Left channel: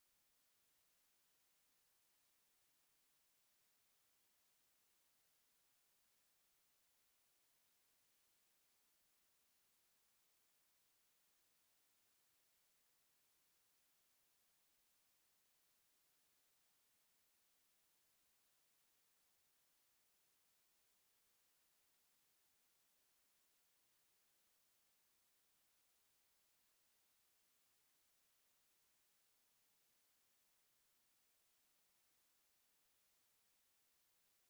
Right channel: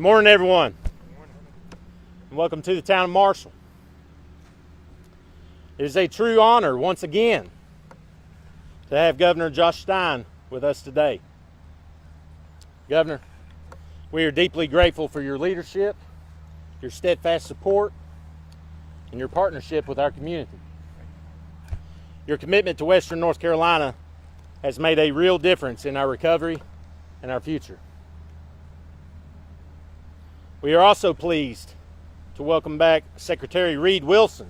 Good morning, everyone. And welcome to the town of Marshall. It is a true honor, once again, to have Governor Josh Stein with us today. Governor, we are deeply grateful for your leadership, your steadfast support, and your partnership with our community. Your commitment to Western North Carolina has made a real difference in our recovery and our future. We are also pleased to welcome back Secretary Reed Wilson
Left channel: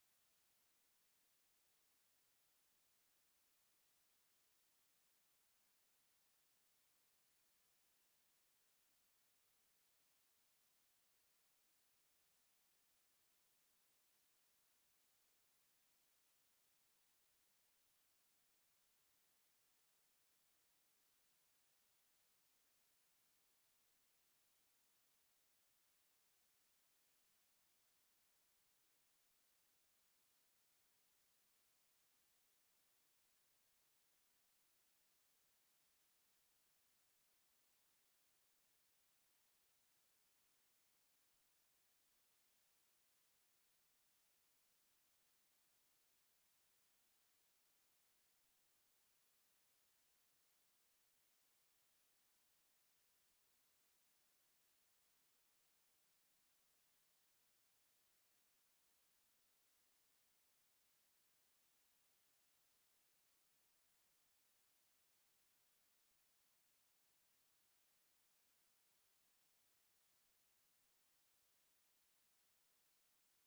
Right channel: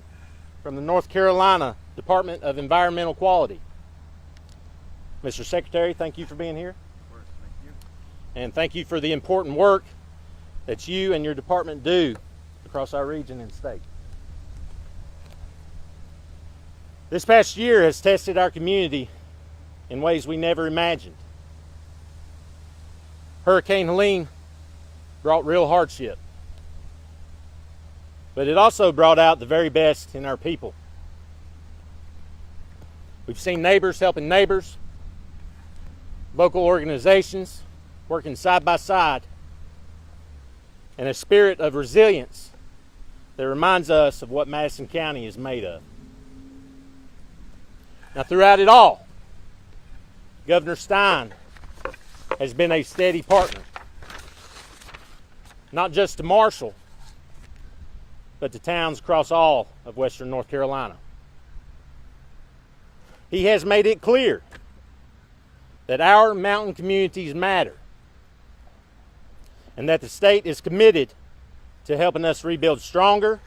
from the North Carolina Department of Environmental Quality. Mr. Secretary, thank you for being here. Thank you. And thank you for the important work that you and your department do across our region and state. This past year has tested our community in ways we never imagined. Hurricane Helene brought real hardship, but it also brought out the very best in our people. We've seen neighbors helping neighbors, local organizations working side by side, and a spirit of resilience that reminds us of what Madison County is made of. Now, throughout it all, Governor Stein has been a steady partner, not just to Marshall, but to towns across all of Western North Carolina. He has made it clear that our mountain communities matter and that the state is committed to helping us rebuild stronger,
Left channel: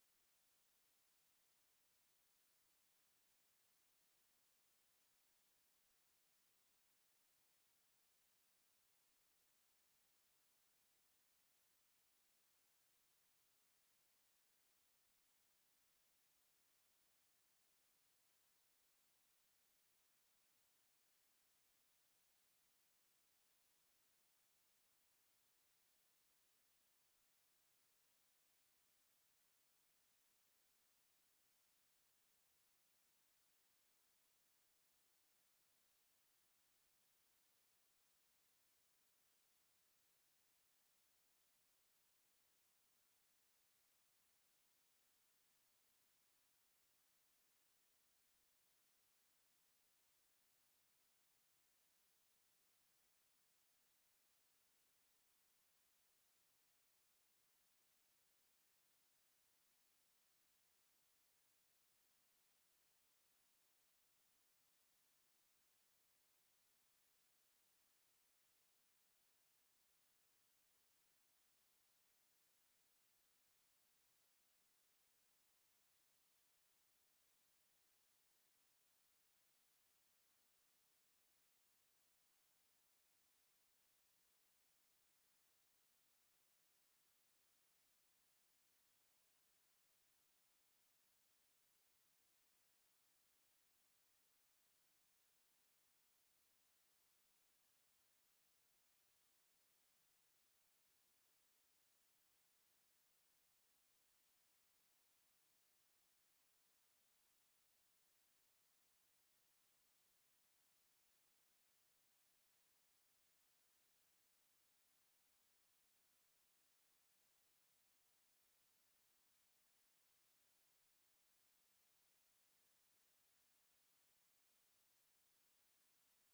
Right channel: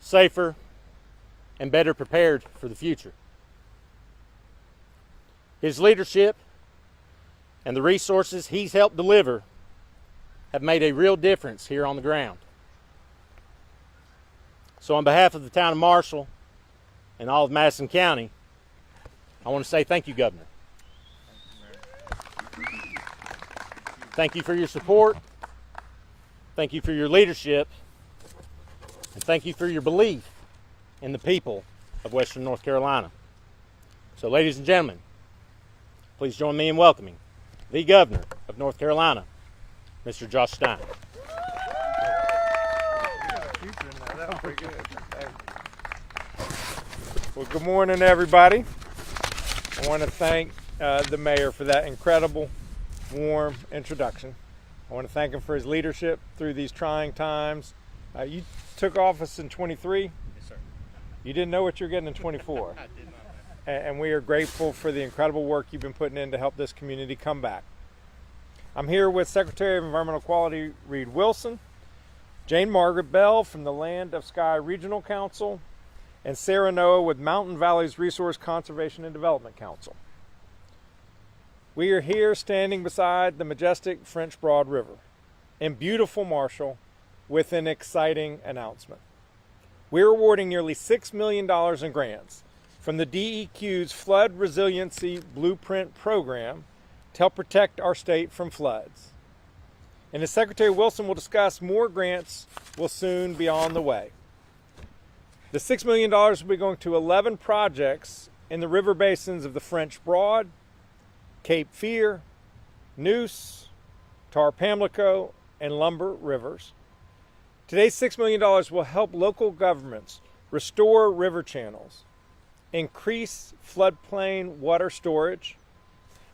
safer, and better prepared for the future. His leadership and the resources he's helped deliver have made a real difference here on the ground. So on behalf of the town of Marshall and all of Madison County, I want to say thank you, Governor. Thank you for your support. Thank you for your leadership. And thank you for your belief in the people of Western North Carolina. So ladies and gentlemen, please join me in welcoming the Governor of North Carolina, Mr. Josh Stein. Well, good morning, everybody. I want to thank the mayor for that incredible, warm introduction. I want to thank him for his leadership through these trying times. You took office in 23. Yes, sir. You didn't know what you were getting in 24. I did not. And we are grateful for the incredible work you've been putting in to help this community come back. I'm here with Secretary of Environmental Quality Reed Wilson, Jane Margaret Bell from the Land of Sky Regional Council, and Sarah Noah with Mountain Valleys Resource Conservation and Development Council. We are here standing beside the majestic French Broad River in beautiful Marshall with an exciting announcement. We're awarding nearly $6 million in grants from the DEQ's Flood Resiliency Blueprint Program to help protect our state from floods. And as Secretary Wilson will discuss, more grants will soon be on the way. The $6 million will be going to 11 projects in the river basins of the French Broad, Cape Fear, Neuse, Tar Pamlico, and Lumber rivers. Today's $6 million will help local governments restore river channels, increase floodplain water storage,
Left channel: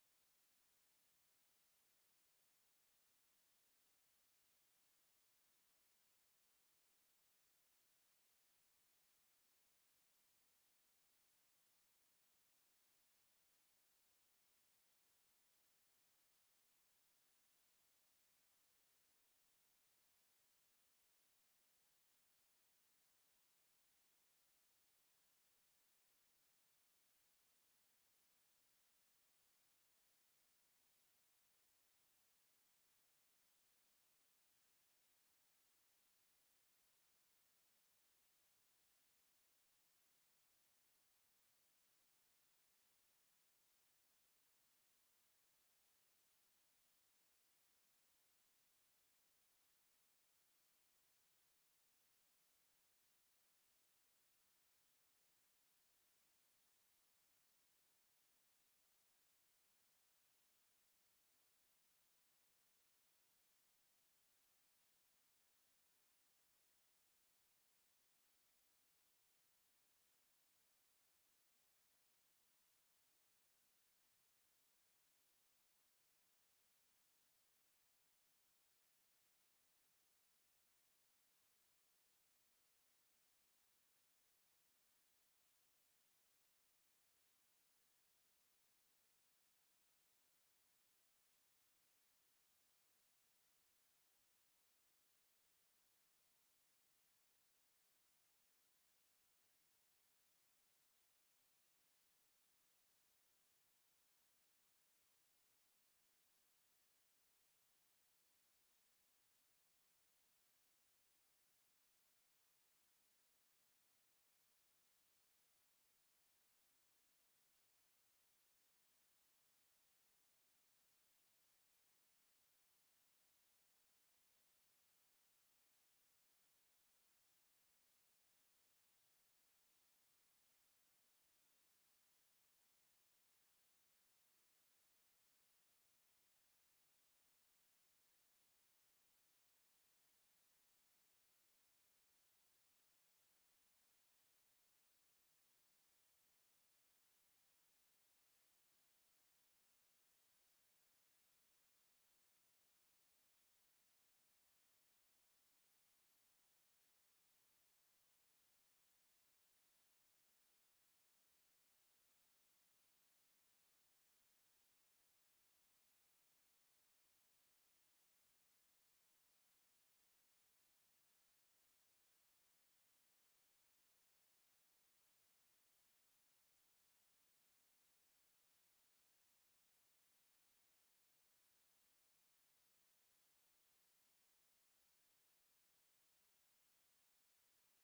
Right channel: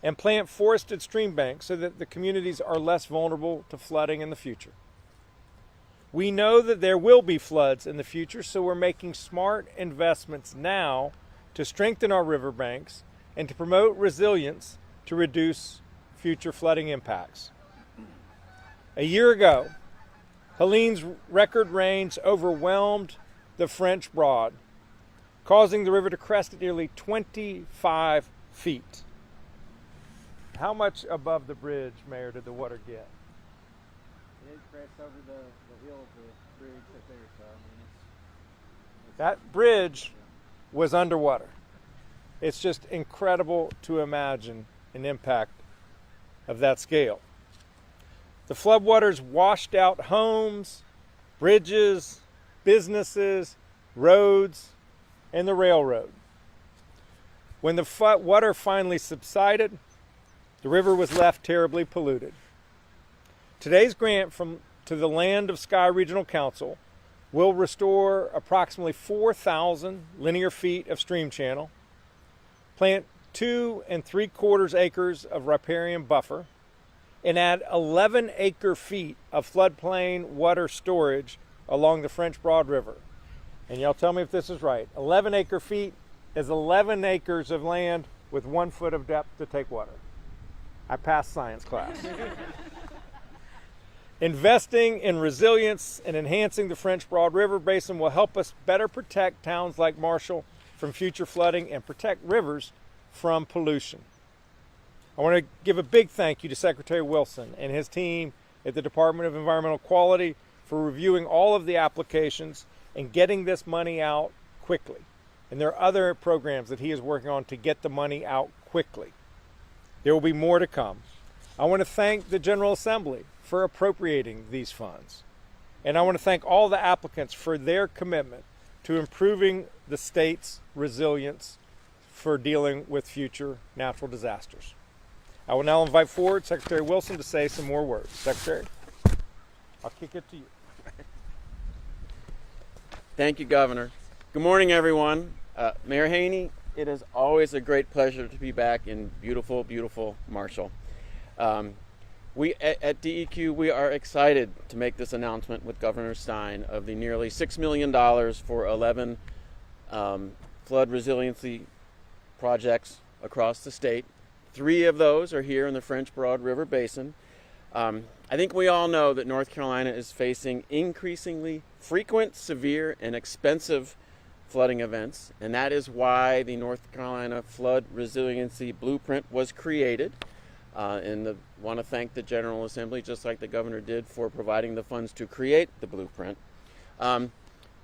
and plant forested stream banks so that the communities are less vulnerable to flooding in the future. We know that there will be floods in the future, so we're making smart investments now to strengthen our riverbanks and to promote resilience to reduce future flooding impacts. A year ago, Helene's record rains overwhelmed the French Broad, causing the river to crest at nearly 25 feet. How much above the bridge, Mayor, did the water get? It crests over the hill of the bridge up there, so I mean it's That bridge was underwater. It's just incredible to imagine an impact of that scale. The floodwaters washed out homes, bridges, businesses, roads, and the railroad. When the water finally subsided, the river was left terribly polluted. Today's grant to the Land of Sky Regional Council will restore approximately 4,000 linear feet of stream channel, plant 2 3/4 acres of riparian buffer, and add 11 acre-feet of floodplain water storage along the French Broad River. And y'all tell me if this is right. 11 acre-feet is 11 acres of land with 1 foot of depth to take water. I passed science class. Investing in resilience and enhancing the French Broad River Basin will help us better protect towns like Marshall from future flooding and protect rivers from pollution. I want to give a big thank you to Secretary Wilson and his team at the Department of Environmental Quality for reviewing all of the applications and getting this money out quickly. And there are other programs that he is working on to get the money out quickly. There will be more to come. I want to thank the General Assembly for appropriating these funds. And I want to thank all the applicants for their commitment to improving the state's resilience for dealing with future natural disasters. I will now invite forward Secretary Wilson to say some more words. Secretary, I'll kick it to you. Thank you, Governor. Good morning, everyone. Mayor Haney, it is always a great pleasure to be back in beautiful, beautiful Marshall. We at DEQ, we are excited to make this announcement with Governor Stein of the nearly $6 million for 11 flood resiliency projects across the state. 3 of those are here in the French Broad River Basin. I think we all know that North Carolina is facing increasingly frequent, severe, and expensive flooding events, and that is why the North Carolina Flood Resiliency Blueprint was created. And want to thank the General Assembly, just like the Governor did, for providing the funds to create the blueprint. A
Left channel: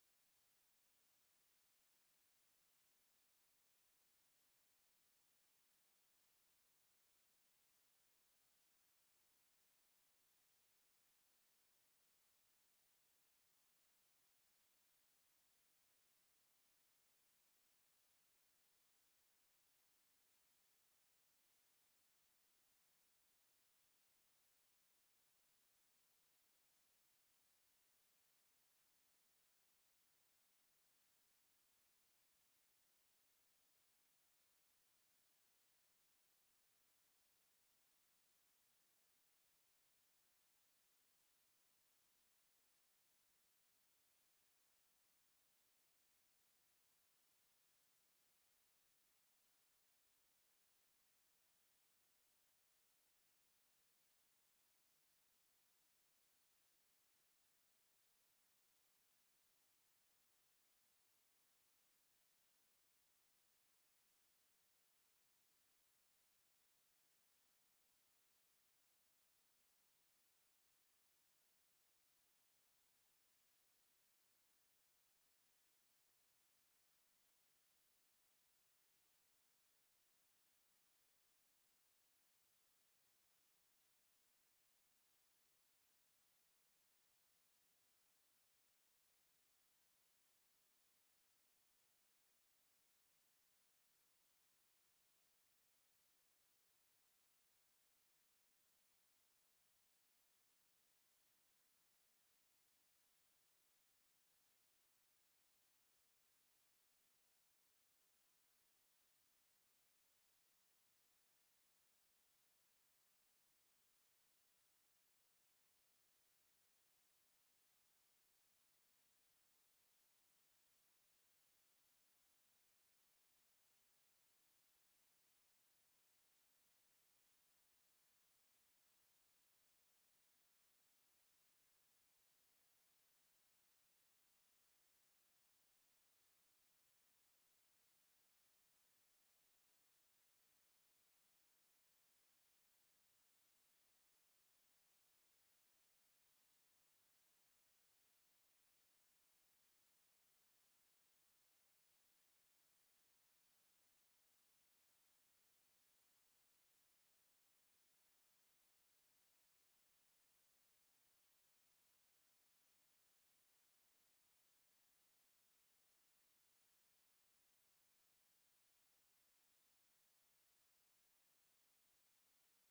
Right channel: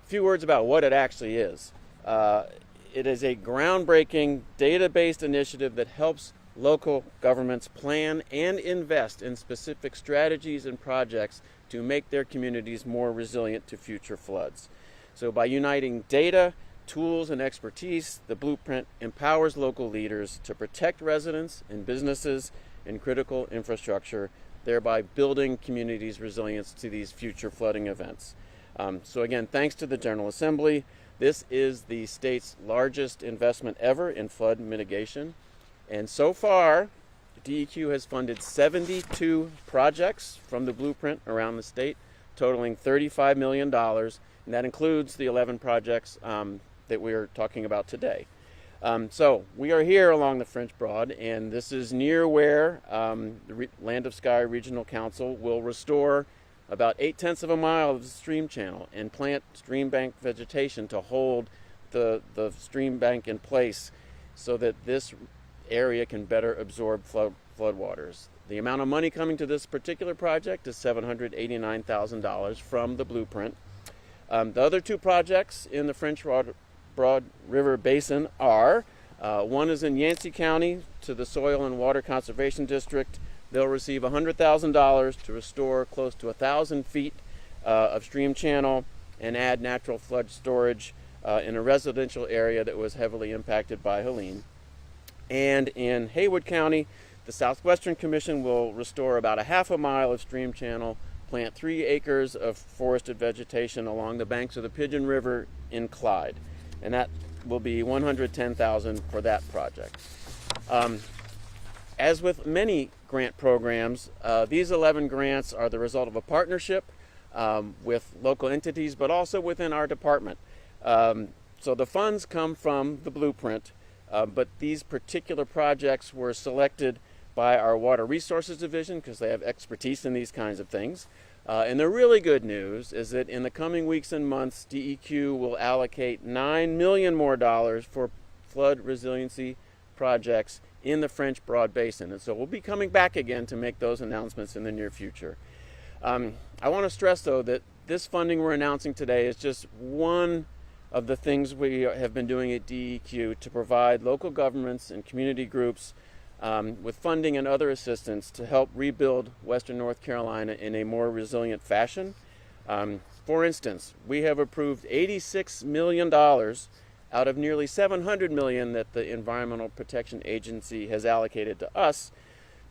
few words about what it actually is. It is a groundbreaking data-based initiative that helps local governments plan and invest in specific strategies and projects to make their communities more resilient to future floods. So by uniting data, tools, and expertise, the blueprint empowers local leaders to protect residents and businesses and critical infrastructure, thereby building communities' resilience to these future flooding events. So again, thanks to the General Assembly. This is the state's largest investment ever in flood mitigation. And so far, DEQ has funded 72 projects from the blueprint around the state, totaling $35 million. And that includes the 11 projects that we are talking about today. So we are here along the French Broad, and this is near where the Land of Sky Regional Council will restore about 0.8 of a mile of the stream channel and plant stream bank vegetation to hold the stream bank in place so that this area can better absorb floodwaters. The amount of money coming to this particular project is $789,000 from the blueprint. The other 2 projects in the French Broad River Basin are, one is in Yancey County to the Soil and Water Conservation District. They'll receive $100,000 to restore close to 1,000 feet of stream channel and add natural flood storage in a residential area that was heavily impacted by Helene. And in Haywood County, the Southwestern Commission will restore about 1/2 mile of stream channel, plant 3 acres of forested vegetation along the banks of the Pigeon River in Clyde. And that will be $110,000 for that project. As with many grant programs, these 11 grants are the result of a partnership with local entities, but also within our department. So the funds come from the blueprint, but these particular projects were selected by our Water Resources Division because they have expertise in these kinds of things. And the really good news is that in the coming weeks and months, DEQ will allocate $9 million more for flood resiliency projects in the French Broad Basin. And so we'll be coming back again to make those announcements in the near future. I want to stress, though, that this funding we're announcing today is just one of the things we have been doing at DEQ to provide local governments and community groups with funding and other assistance to help rebuild Western North Carolina in a more resilient fashion. For instance, we have approved $86 million out of nearly $700 million that the Environmental Protection Agency has allocated to us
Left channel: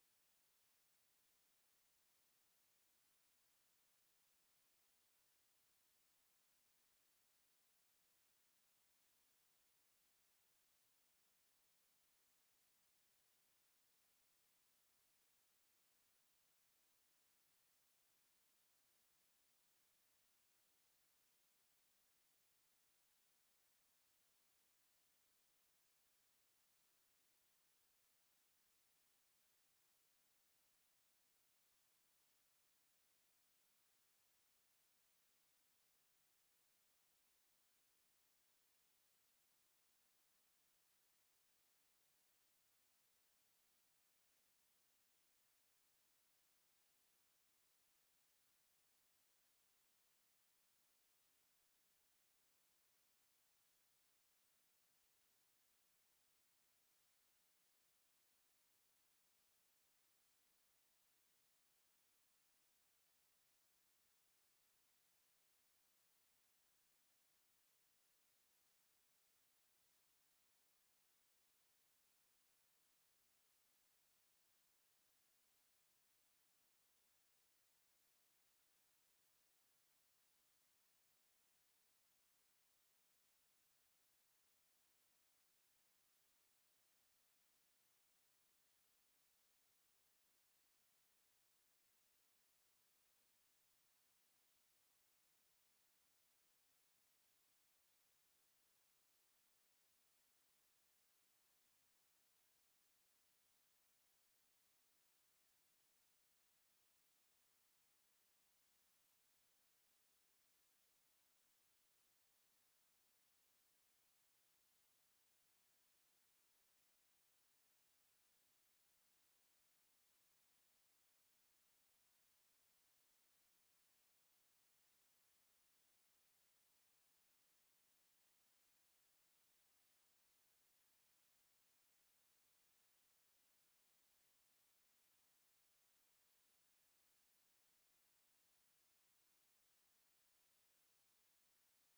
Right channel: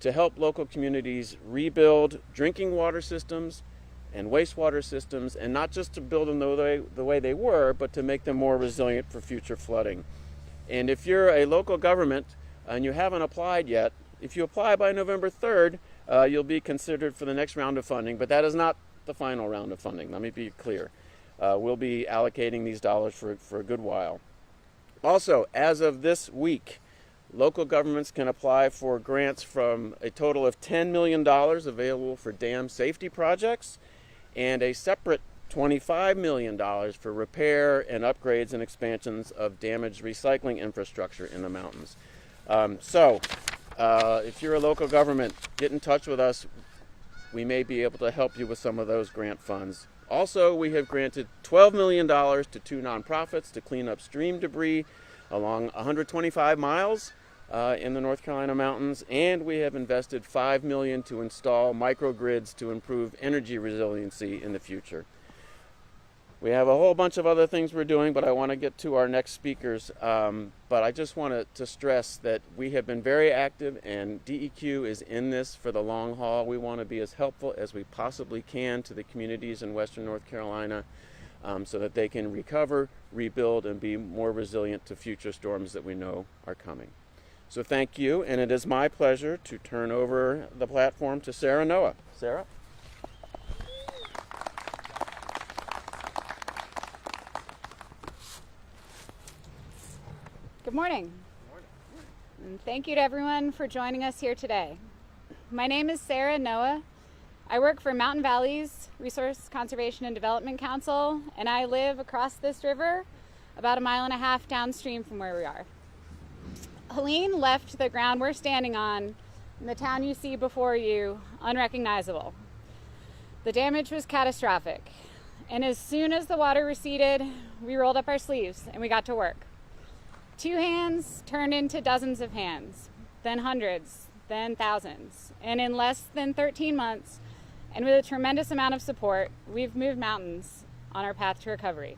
to help local communities rebuild drinking water systems and wastewater systems, and not just to build them the way they were, but to make them more resilient for future flooding. And if you're a local government and you haven't applied yet, if you apply by November 3rd, you'll be considered for the next round of funding, but that is not the final round of funding. Let me be clear. We'll be allocating these dollars for a good while. Also, as of this week, local governments can apply for grants from a total of $10 million available for dam safety projects, and a separate $25 million for repair and upgrades and expansions of damaged recycling infrastructure in the mountains. If you're a local government, get in touch with us. We may be able to help you with some of those grant funds. Also, we have granted $12 million to 2 nonprofits to clean up stream debris along 125 miles in the North Carolina mountains, and we have invested $5 million to install microgrids to improve energy resiliency in the future. We have a whole bunch of other things we're doing, but I want to get to our next speakers. But I just want to stress that we have been very active, and DEQ is in this for the long haul. We want to be as helpful as we possibly can to the communities in Western North Carolina so that they can recover, rebuild, and be more resilient to future storms that we know are coming. So thank you, and it is my pleasure to turn over the platform to Sarah Noah. Sarah? Good morning. And thank you to everyone for joining us here today. My name is Sarah Noah. I work for Mountain Valley's Resource Conservation and Development Council, and I live across this river about 1.5 miles downstream from where we are. Helene left the ground we're standing on and the town you see before you unrecognizable. The damage was catastrophic, and as soon as the water receded, we rolled up our sleeves and we got to work. 2 hands turned into dozens of hands, then hundreds, then thousands. And in less than 13 months, and with a tremendous amount of support, we've moved mountains on our path to recovery.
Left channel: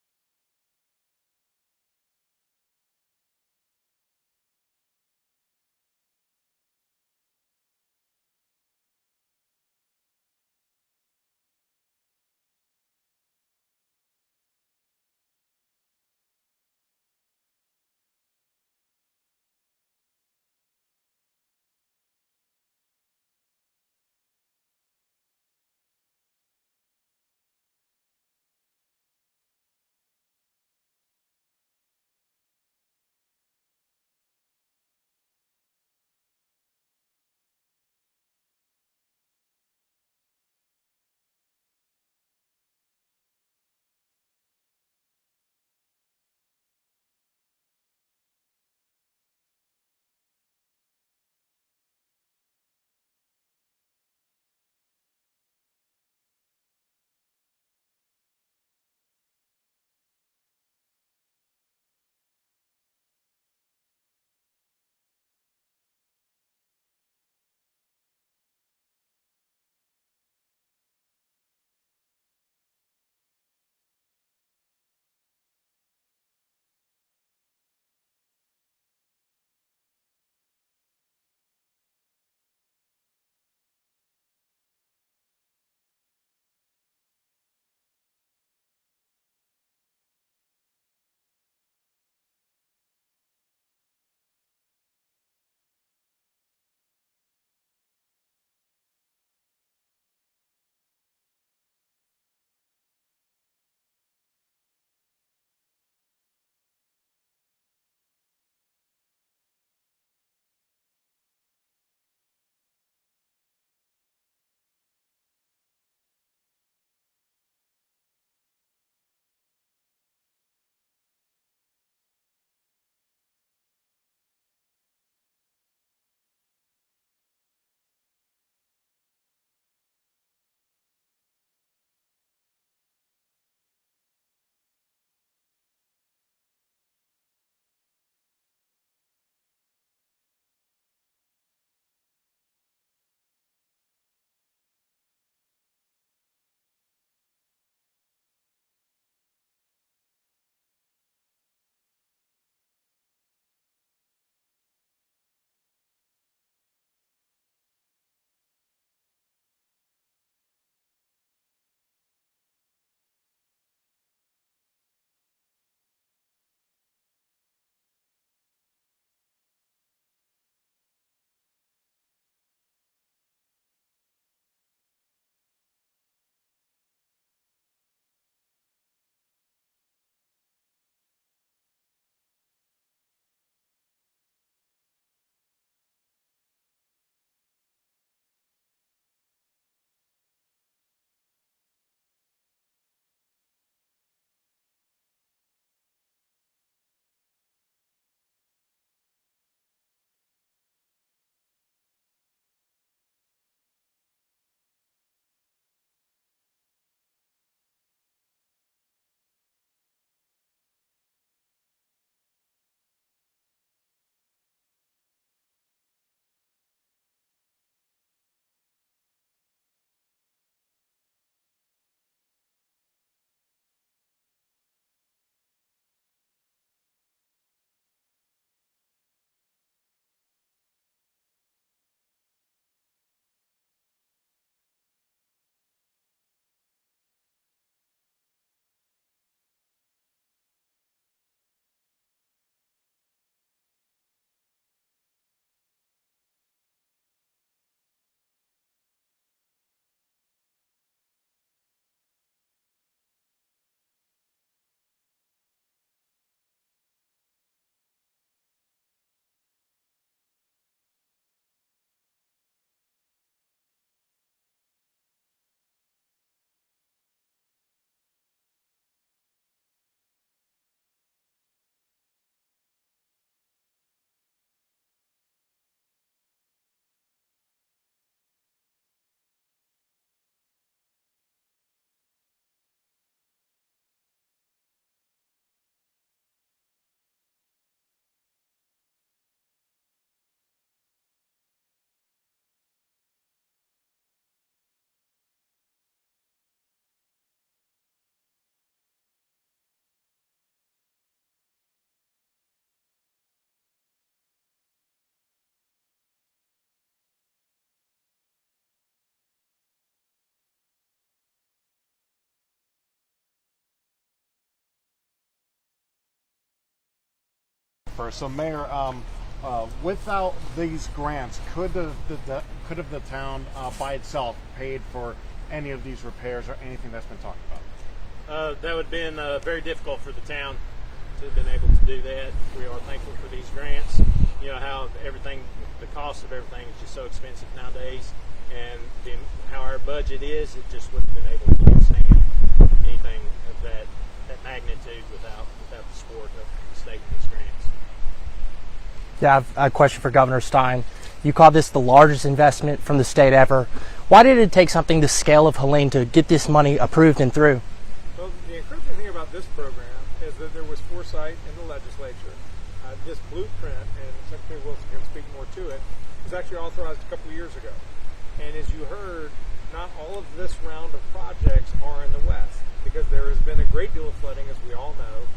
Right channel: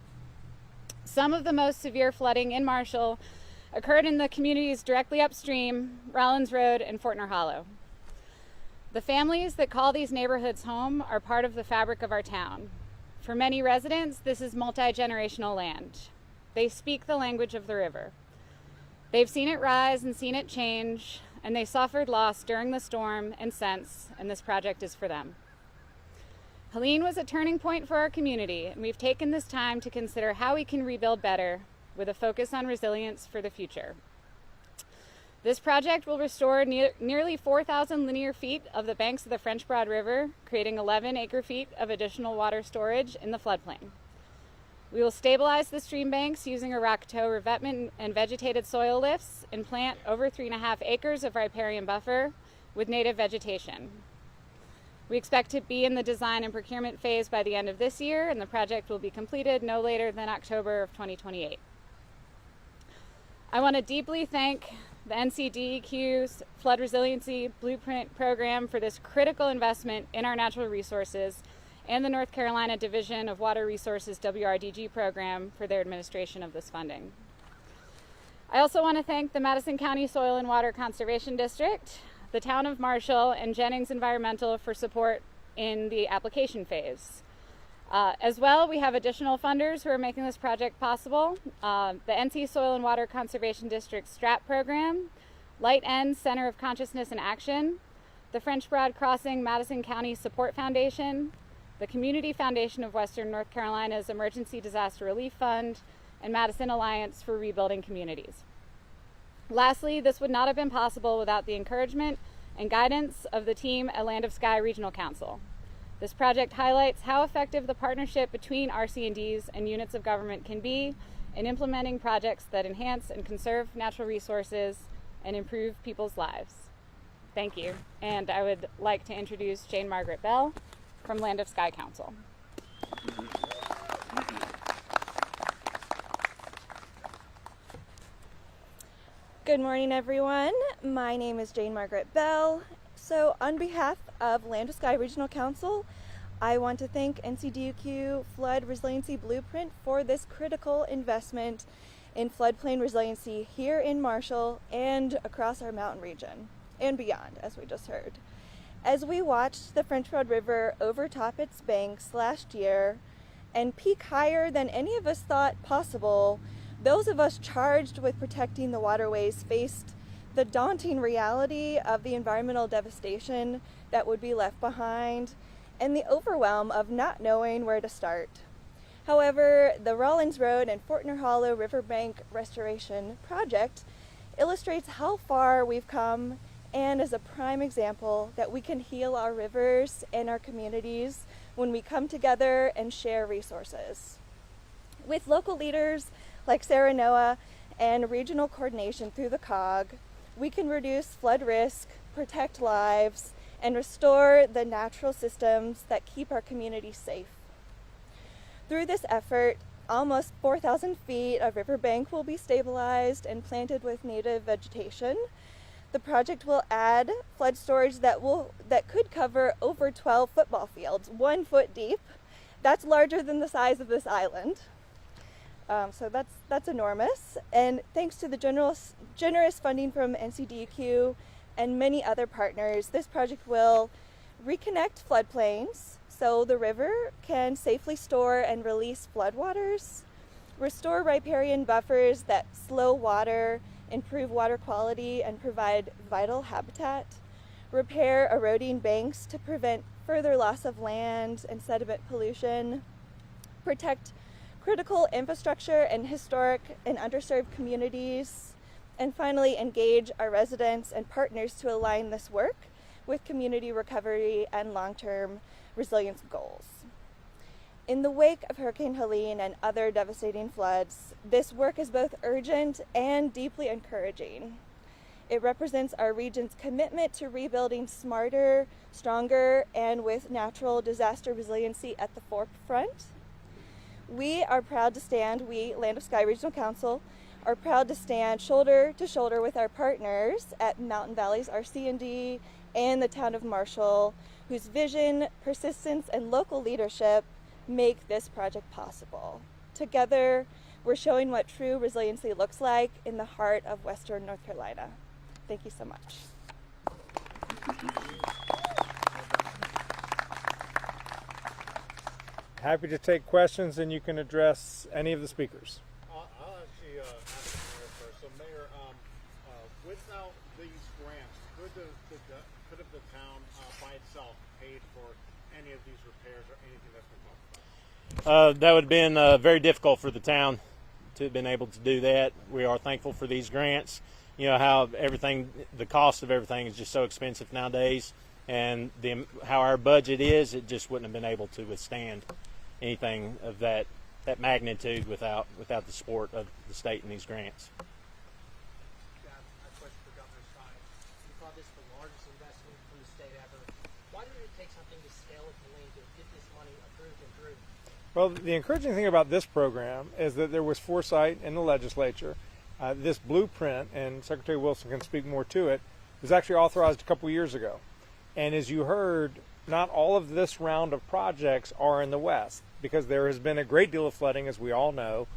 Some of the most severe flooding in Marshall occurred in the communities directly upstream, Rollins Road and Fortner Hollow. The families that call these neighborhoods home are part of the fabric of our town. For many residents, this is multi-generational land. They speak the language of the river. They've seen it rise and seen it change, and they suffered loss during the storm and since, and this project is for them. Helene was a turning point for our community, and we've taken this time to consider how we can rebuild better with a focus on resilience for the future. This project will restore nearly 4,000 linear feet of the banks of the French Broad River, creating 11 acre-feet of additional water storage in the floodplain. We will stabilize the stream banks using a rock toe revetment and vegetated soil lifts and plant over 3.5 acres of riparian buffer with native vegetation. We expect to be in the design and procurement phase by the end of this year, and the project will be completed no later than October of 2028. I want to deeply thank the NCDEQ's Flood Resiliency Blueprint Program for this critical investment in our natural resources, and the North Carolina Division of Water Resources WRDG program for their administration of this funding. I also want to thank the Madison County Soil and Water Conservation District, the Town of Marshall, and Jennings Environmental for support in the application phase. As well, we have additional funders who are making this project possible. The NC Soil and Water Conservation District STRAP program, Light End Center of Consciousness and Action, the French Broad Crossing Madison County Support Foundation, the Community Foundation of Western North Carolina's Emergency Disaster Relief Fund, and Madison Alliance for Rebuilding Communities. Lastly, this would not have been possible without the encouragement and guidance of the team at Land of Sky Regional Council. This project highlights how effective the partnership between RC&Ds and units of government can be in implementing projects that enhance and conserve natural resources and improve people's lives. Thank you. And I would like to introduce Jane Margaret Bell from Land of Sky Council. Good morning, everyone. My name is Jane Margaret Bell. So on behalf of Land of Sky Regional Council, I want to thank NCDEQ Flood Resiliency Blueprint for this critical investment in floodplain resiliency here in Marshall and across our mountain region. and beyond, as we just heard. As we watched the French Broad River overtop its banks last year and peak higher than any of us thought possible, those of us charged with protecting the waterways faced the daunting reality of the environmental devastation that would be left behind and the overwhelm of not knowing where to start. However, the Rawlins Road and Fortner Hollow Riverbank Restoration Project illustrates how far we've come and is a prime example that we can heal our rivers and our communities when we come together and share resources. With local leaders like Sarah Noah and regional coordination through the COG, we can reduce flood risk, protect lives, and restore the natural systems that keep our communities safe. Through this effort, almost 4,000 feet of riverbank will be stabilized and planted with native vegetation. The project will add flood storage that could cover over 12 football fields, 1 foot deep. That's larger than the size of this island. So that's enormous. And thanks to the generous funding from NCDEQ and many other partners, this project will reconnect floodplains so the river can safely store and release floodwaters, restore riparian buffers that slow water, improve water quality, and provide vital habitat, repair eroding banks to prevent further loss of land and sediment pollution, protect critical infrastructure and historic and underserved communities, and finally engage our residents and partners to align this work with community recovery and long-term resilience goals. In the wake of Hurricane Helene and other devastating floods, this work is both urgent and deeply encouraging. It represents our region's commitment to rebuilding smarter, stronger, and with natural disaster resiliency at the forefront. We, Land of Sky Regional Council, are proud to stand shoulder to shoulder with our partners at Mountain Valleys RC&D and the town of Marshall, whose vision, persistence, and local leadership make this project possible. Together, we're showing what true resiliency looks like in the heart of Western North Carolina. Thank you so much. Happy to take questions, and you can address any of the speakers. I'll actually ask first. So, Mayor, without these grants, could the town by itself paid for any of these repairs or anything that's been talked about? That would have been very difficult for the town to have been able to do that. We are thankful for these grants. You know how the cost of everything is just so expensive nowadays, and how our budget is, it just wouldn't have been able to withstand anything of that magnitude without the support of the state and these grants. Yeah, I have a question for Governor Stein. You call this the largest investment from the state ever. Why did it take something the scale of Helene to get this money approved and through? Well, the encouraging thing about this program is that there was foresight in the legislature. This blueprint, and Secretary Wilson can speak more to it, was actually authorized a couple years ago. And as you heard, not all of this round of projects are in the west, because there has been a great deal of flooding, as we all know,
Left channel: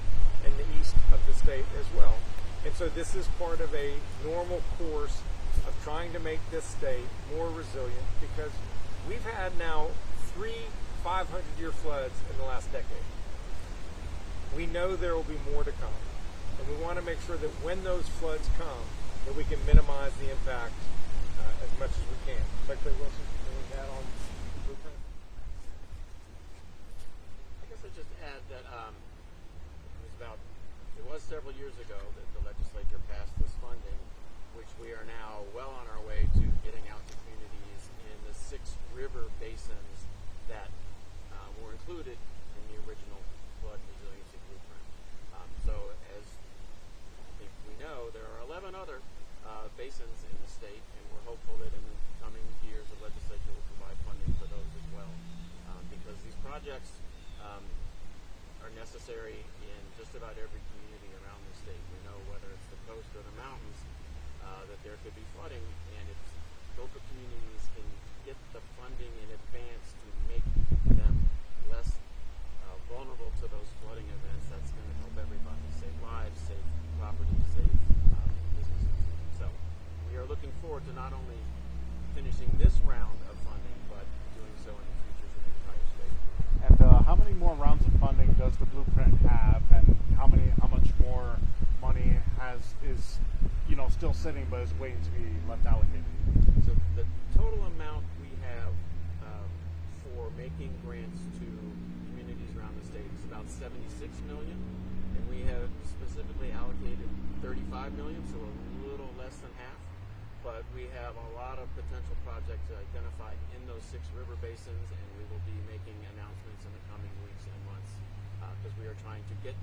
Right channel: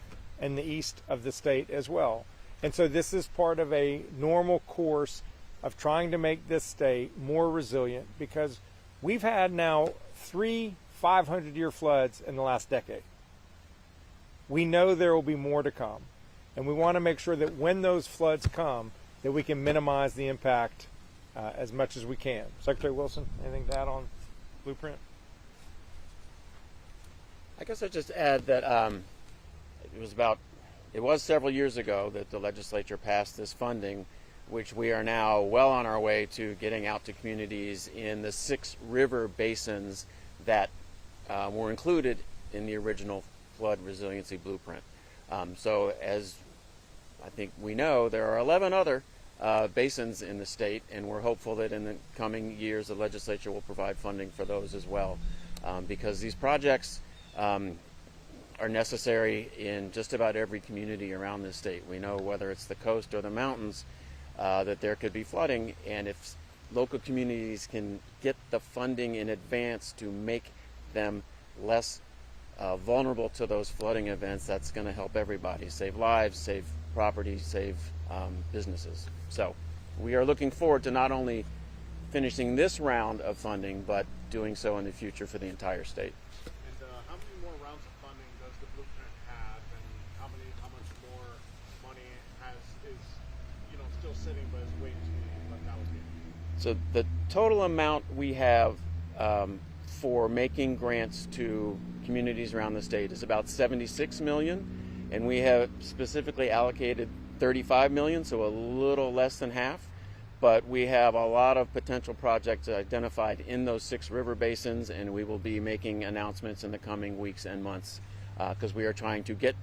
in the east of the state as well. And so this is part of a normal course of trying to make this state more resilient, because we've had now 3 500-year floods in the last decade. We know there will be more to come, and we want to make sure that when those floods come, that we can minimize the impact as much as we can. Secretary Wilson, anything to add on the blueprint? I guess I'd just add that it was several years ago that the legislature passed this funding, which we are now well on our way to getting out to communities in the 6 river basins that were included in the original flood resiliency blueprint. So as I think we know, there are 11 other basins in the state, and we're hopeful that in the coming years the legislature will provide funding for those as well, because these projects are necessary in just about every community around this state. We know whether it's the coast or the mountains that there could be flooding, and if local communities can get the funding in advance to make them less vulnerable to those flooding events, that's going to help everybody save lives, save property, save businesses. So we are looking forward to not only finishing this round of funding, but doing so in the future for the entire state. And how many more rounds of funding does the blueprint have, and how much more money is still sitting but is waiting to be left allocated? So the total amount we have for making grants to communities around the state is about $76 million, and we have specifically allocated $35 million, so a little less than half. But we have a lot of potential projects identified in those 6 river basins, and we will be making announcements in the coming weeks and months because we are trying to get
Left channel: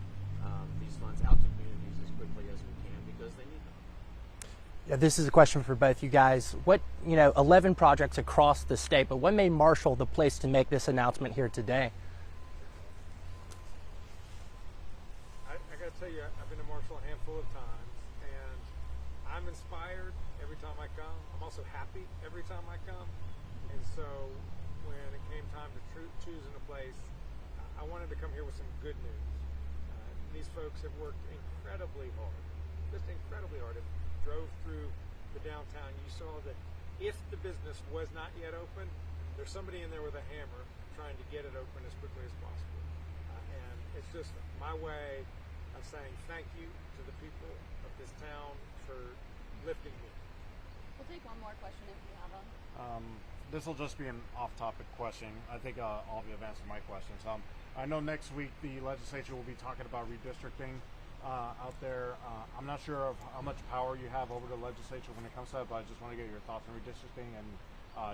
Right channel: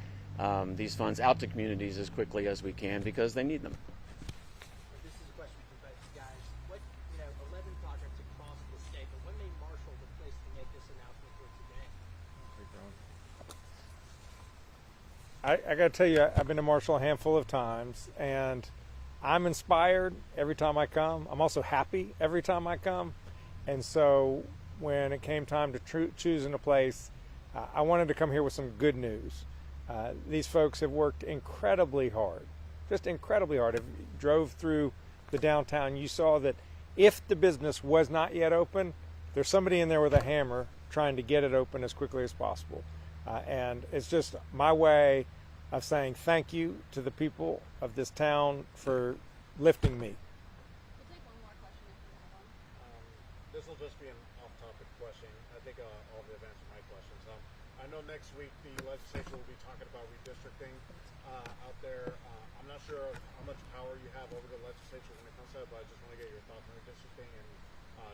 these funds out to communities as quickly as we can because they need them. Yeah, this is a question for both you guys. 11 projects across the state, but what made Marshall the place to make this announcement here today? I got to tell you, I've been to Marshall a handful of times, and I'm inspired every time I come. I'm also happy every time I come. And so when it came time to choosing a place, I wanted to come here with some good news. These folks have worked incredibly hard, just incredibly hard. If you drove through the downtown, you saw that if the business was not yet open, there's somebody in there with a hammer trying to get it open as quickly as possible. And it's just my way of saying thank you to the people of this town for lifting me. We'll take one more question if you have one. This will just be an off-topic question. I think all of you have answered my questions. I know next week the legislature will be talking about redistricting out there. I'm not sure of how much power you have over the legislature when it comes to that, but I just want to get your thoughts on redistricting and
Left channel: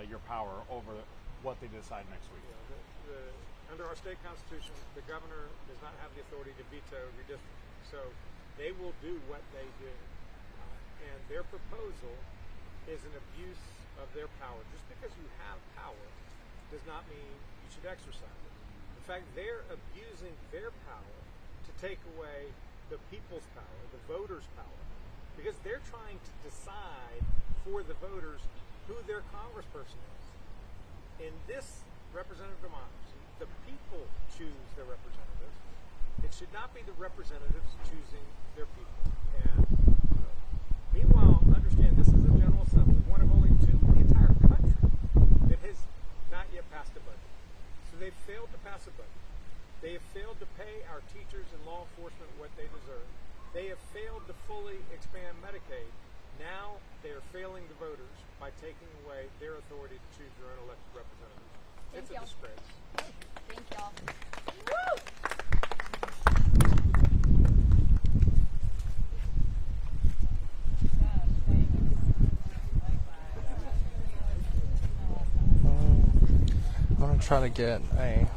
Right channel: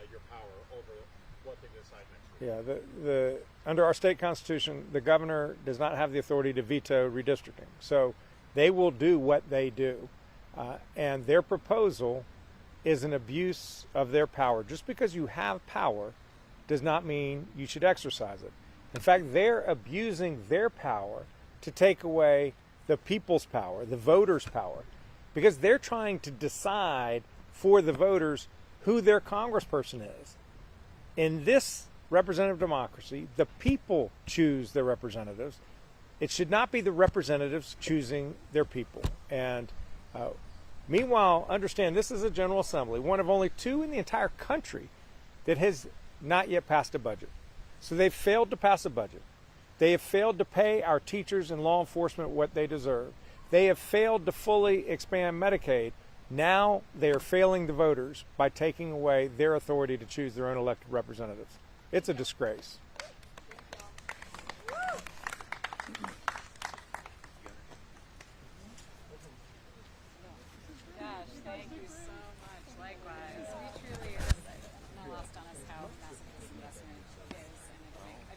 your power over what they decide next week. Yeah, under our state constitution, the governor does not have the authority to veto redistricting. So they will do what they do. And their proposal is an abuse of their power. Just because you have power does not mean you should exercise it. In fact, they're abusing their power to take away the people's power, the voters' power, because they're trying to decide for the voters who their congressperson is. In this representative democracy, the people choose their representatives. It should not be the representatives choosing their people. And meanwhile, understand this is a General Assembly, one of only 2 in the entire country that has not yet passed a budget. So they've failed to pass a budget. They have failed to pay our teachers and law enforcement what they deserve. They have failed to fully expand Medicaid. Now they are failing the voters by taking away their authority to choose their own elected representatives. It's a disgrace. I'm going to try to get a